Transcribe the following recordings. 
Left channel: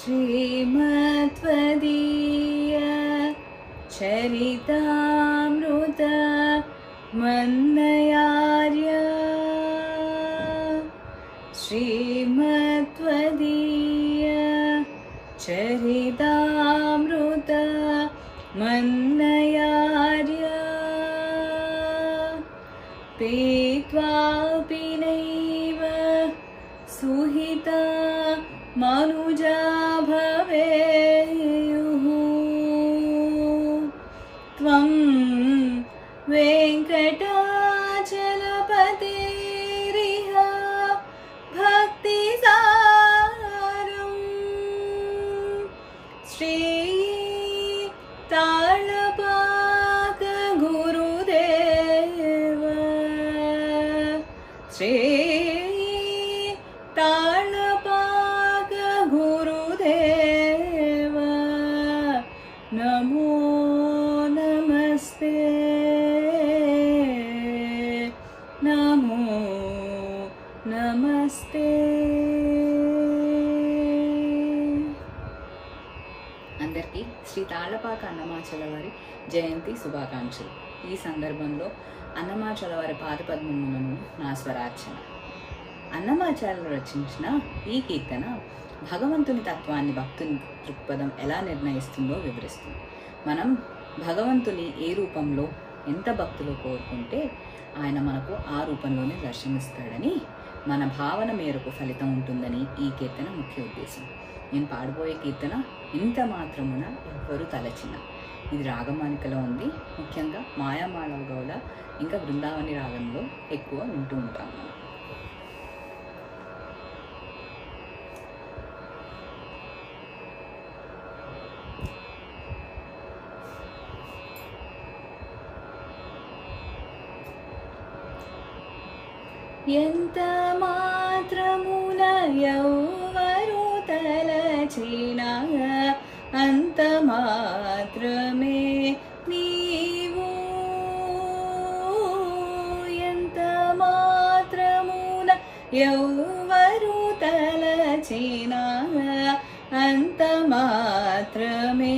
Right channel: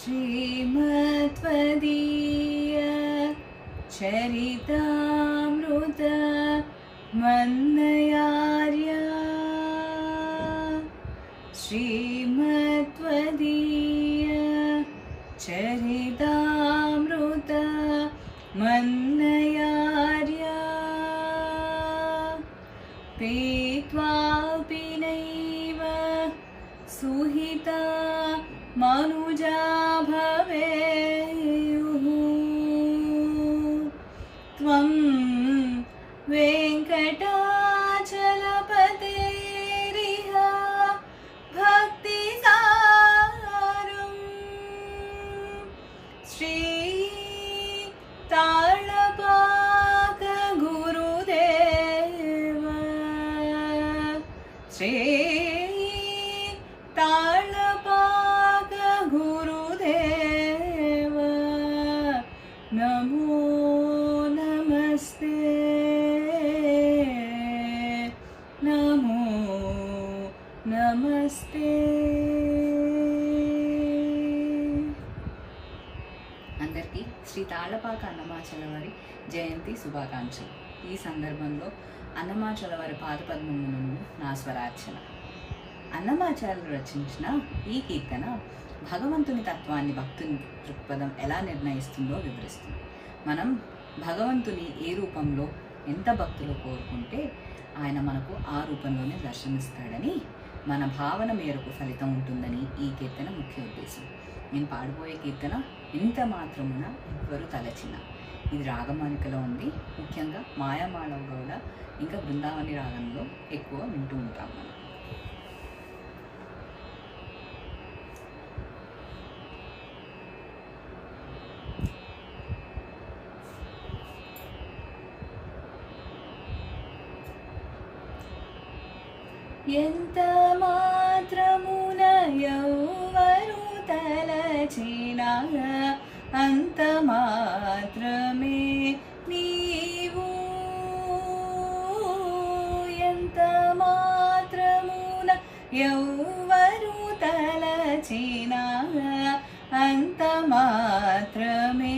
श्रीमत्वदीय चरितामृत मन्नयार्य श्रीमत्वदीय चरितामृत मन्नयार्य पीत्वापि नैव सुहिता मनुजा भवेयुः त्वं वेङ्कटाचलपतेरिह भक्तिसारं श्रीताळपाक गुरुदेव श्रीताळपाक गुरुदेव नमो नमस्ते नमो नमस्ते। అందరికీ శ్రీ తాళ్లపాక అన్నమాచల వారి జయంతి శుభాకాంక్షలు। ఈ సందర్భంలో అన్నమాచల వారి పాదపద్మములను నా స్వరార్చన। అన్నమాచార్యులు రచించిన ఈ కీర్తన భగవంతుని తత్వాన్ని భక్తుని దృక్పథం ఎలా నిర్ణయిస్తుందో వివరిస్తుంది। మనం భగవంతుని ఏ రూపంలో ఎంత భక్తులు కోరుకుంటే ఆయన మనకు ఆ రూపంలోనే దర్శనమిస్తాడని, మన భావన మేరకు ఫలితం ఉంటుందని ఈ కీర్తన ముఖ్య ఉద్దేశం। నేను పాడబోయే కీర్తన ఇంత మాత్రమున ఎవ్వరు తలచిన, ఇది రాగమాలికలో ఉంది। ముఖ్యంగా మాయామాళ గౌడ ఇంకా బృందావని రాగంలో ఎక్కువ వింటూ ఉంటాము। ఎంత మాత్రమున ఎవ్వరు తలచిన అంత మాత్రమే నీవు, ఎంత మాత్రమున ఎవ్వరు తలచిన అంత మాత్రమే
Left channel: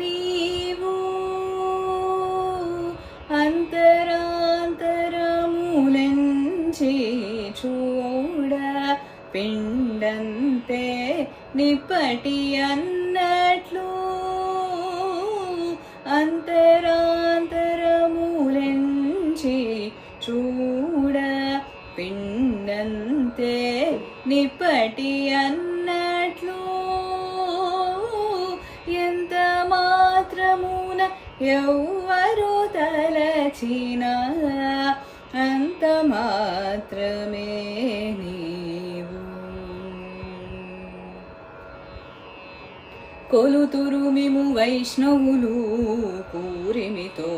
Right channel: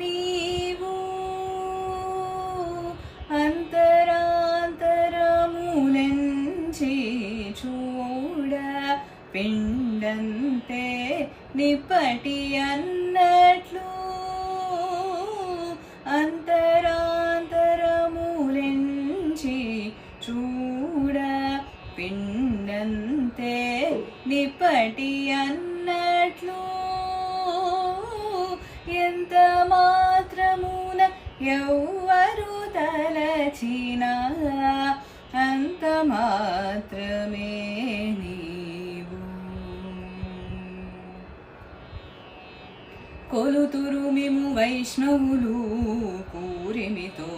నీవు, అంతరాంతరములెంచి చూడ పిండంతే నిప్పటి అన్నట్లు, అంతరాంతరములెంచి చూడ పిండంతే నిప్పటి అన్నట్లు, ఎంత మాత్రమున ఎవ్వరు తలచిన అంత మాత్రమే నీవు, కొలుతురు మిము వైష్ణవులు కూరిమితో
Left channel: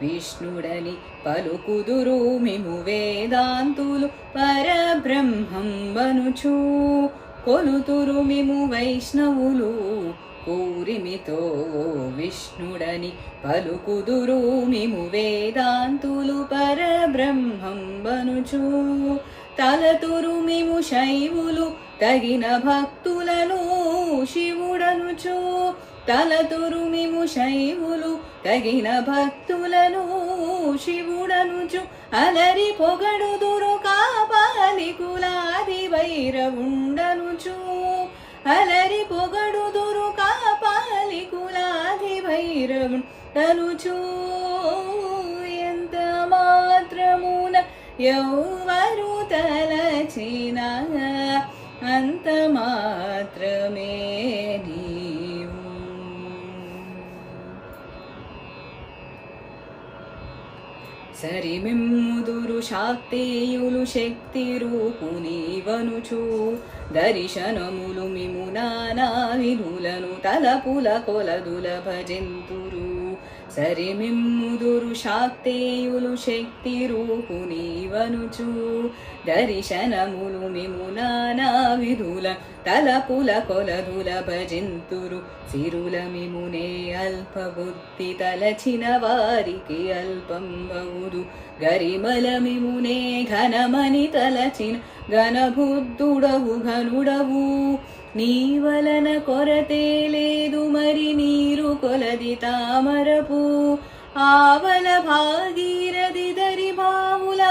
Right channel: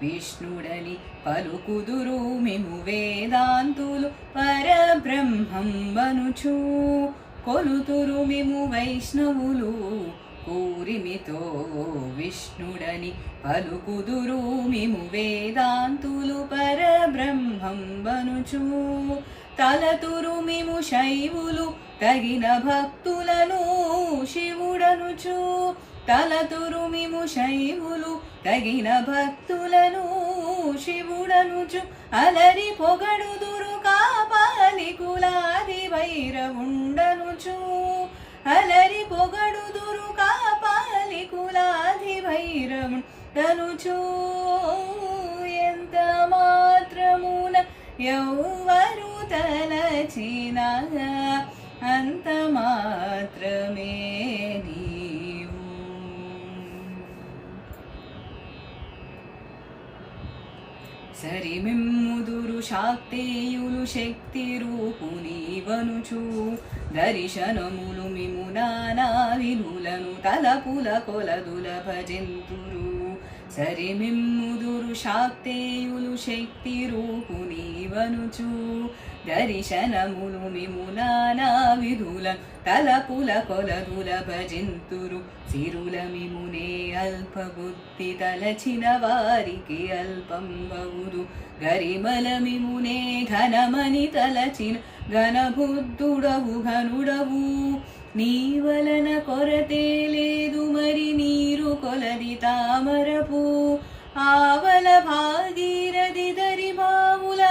విష్ణుడని పలుకుదురు మిము వేదాంతులు పరబ్రహ్మం వనుచు, కొలుతురు మిము వైష్ణవులు కూరిమితో విష్ణుడని పలుకుదురు మిము వేదాంతులు పరబ్రహ్మం వనుచు, తలతురు మిము శైవులు తగిన భక్తులను శివుడనుచు, తలతురు మిము శైవులు తగిన భక్తులను శివుడనుచు, అలరి పొగడుదురు కాపాలి కులాది భైరవుండనుచు, అలరి పొగడుదురు కాపాలి కులాది భైరవుండనుచు, ఎంత మాత్రమున ఎవ్వరు తలచిన అంత మాత్రమే నీవు, సరిమిమ్ముదురు శాక్తేయులు శక్తి రూపునీవనుచు, దర్శనములు మిము నానా విధులను తలపుల కొలదుల భజంతురు, సరిమిమ్ముదురు శాక్తేయులు శక్తి రూపునీవనుచు, దర్శనములు మిము నానా విధుల తలపుల కొలదుల భజంతురు, సిరుల మిమునే అల్పబుద్ధి తలచిన వారికి అల్పం బౌదు, గరిమల మిమునే ఘనమని తలచిన ఘనబుద్ధుడవు ఘనుడవు, నీ వలన కొరతే లేదు మరి నీరు కొలది తామరపు ఆవల భాగీరథి దరి బావుల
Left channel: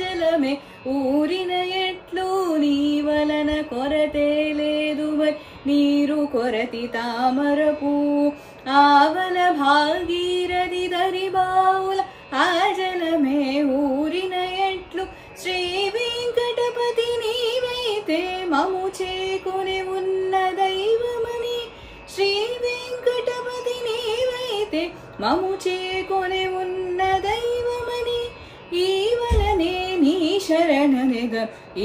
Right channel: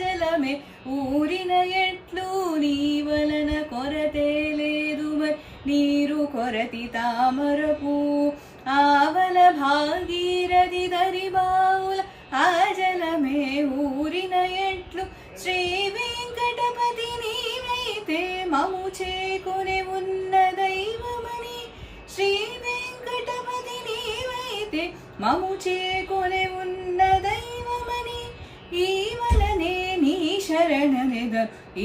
జలమే ఊరిన ఎట్లు నీ వలన కొరతే లేదు మరి నీరు కొరతి తామరపు ఆవల భాగీరథి దరి బావుల జలమే ఊరిన ఎట్లు శ్రీ వెంకటపతి నీవైతే మము చేకుని ఉన్న దైవమని శ్రీ వెంకటపతి నీవైతే మము చేకుని ఉన్న దైవమని ఈ వలనే నీ శరణనిద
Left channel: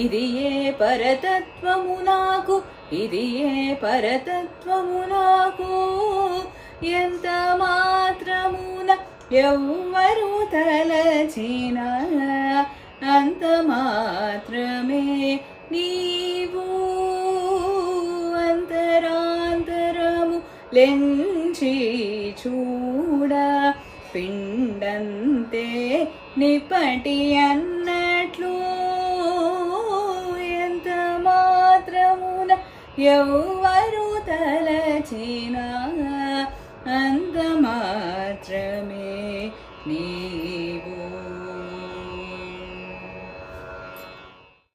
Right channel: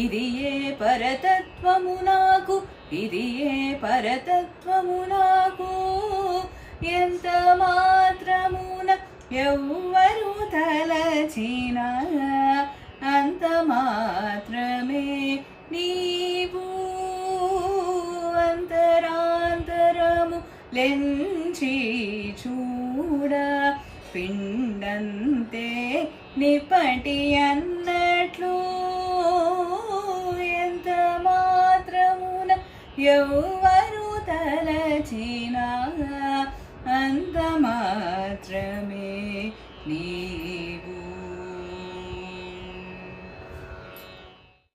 ఇది ఏ పరతత్వము నాకు ఇది ఏ పరతత్వము నాకు ఎంత మాత్రమున ఎవ్వరు తలచినా అంత మాత్రమే నీవు అంతరాంతరము లెంచి చూడ పిండంతే నిపటి అన్నట్లు ఎంత మాత్రమున ఎవ్వరు తలచినా అంత మాత్రమే నీవు